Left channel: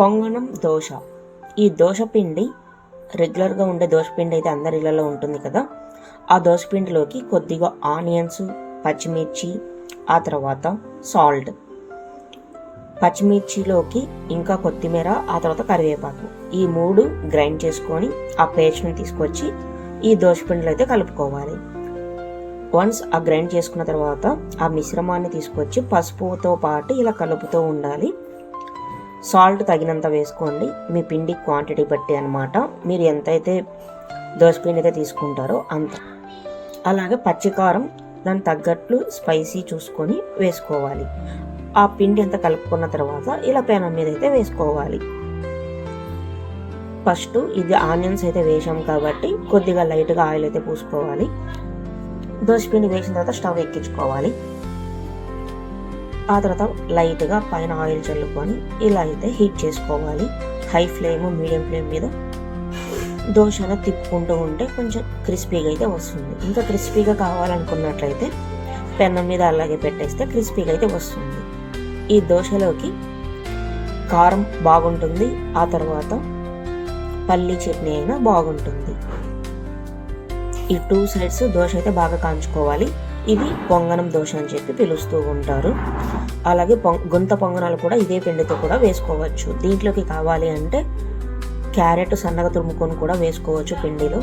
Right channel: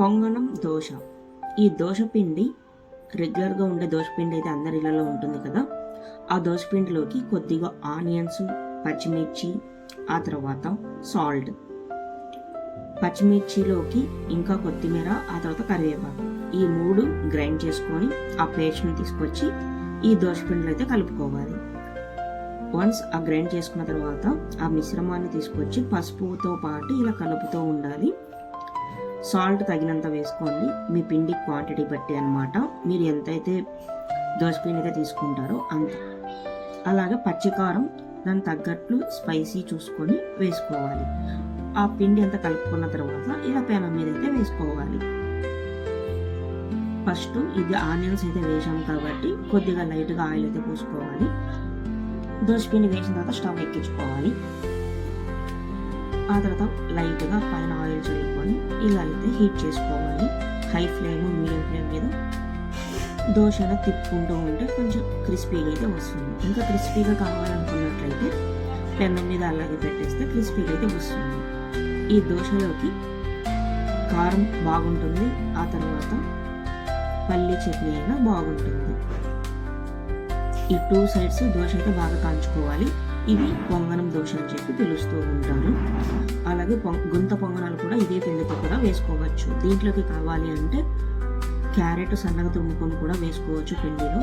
పొంగనం దోశ. ఈ దోశ పిండి రెగ్యులర్గా ఉండే దోశ పిండి అయితే అందరి ఇళ్ళలో ఉంటుంది కదా. ఆ దోశ పిండిలోకి కొద్దిగా ఆనియన్స్, పచ్చిమిర్చి, ఆ తర్వాత సాల్ట్, పచ్చిమిర్చిలోకి ఇంకా కొత్తిమీర, ఆ తర్వాత కరివేపాకు, ఈ 3 గ్రైండ్ చేసుకొని ఆ పేస్ట్ని తీసుకొచ్చి ఈ దోశ పిండిలో అయితే కలుపుకోవాలి. వన్స్ ఆ గ్రైండ్ చేసుకున్న తర్వాత ఆ మిశ్రమాన్ని తీసుకొచ్చి పసుపుతో పాటు ఇలా కలుపుతూ ఉండాలి. సాల్ట్ తగినంత వేసుకోండి, మీ పిండి క్వాంటిటీ బట్టి అనమాట. మీరు ఎంతైతే దోసపిండి అయితే తీసుకుంటారో అంత. అలాగే పచ్చికారం దానికి తగ్గట్లు స్పైసీ చూసుకొని వేసుకోవాలి. ఆ పిండి అంతా కలుపుకున్న తర్వాత ఇలా పెనం మీద అయితే వేసుకోవాలి. ఫస్ట్ ఇది ఆనియన్స్ అయితే వేసాం కాబట్టి కొద్దిగా లైట్గా ఆయిల్ అయితే పూసుకోవాలి. దోసపిండి వేసిన తర్వాత స్టవ్ ఎక్కించుకోవాలి. ఆ తర్వాత లైట్గా పైన ఆయిల్ చల్లుకొని ఇలా అయితే హీట్ చేసుకోవాలి. హై ఫ్లేమ్, మీడియం ఫ్లేమ్ మీద దోశను తిప్పుకుంటూ ఉంటే కొంచెం క్రిస్పీగా అయితే వస్తుంది. ఇంకా క్రిస్పీగా కావాలనుకున్నట్లయితే పెనం మీద అలాగే పెట్టేస్తే క్రిస్పీగా అయితే వస్తుంది. ఈ దోశలోకి కారం బాగుంటుంది, ఆ తర్వాత పల్లీ చట్నీ అయినా బాగుంటుంది. ఈ 2 సైడ్స్ దోశ అయితే బాగా కాంచుకోవాలి. ఇది పొంగనం దోశ అని చెప్పి పిలుస్తూ ఉంటారు. అలాగే గుంత పొంగనాలు కూడా ఇదే పిండితో కూడా వేసుకోవచ్చు. దీంట్లోకి కావాలి అంటే క్యారెట్ సన్నగా తురుముకొని కూడా వేసుకోవచ్చు పిండిలో.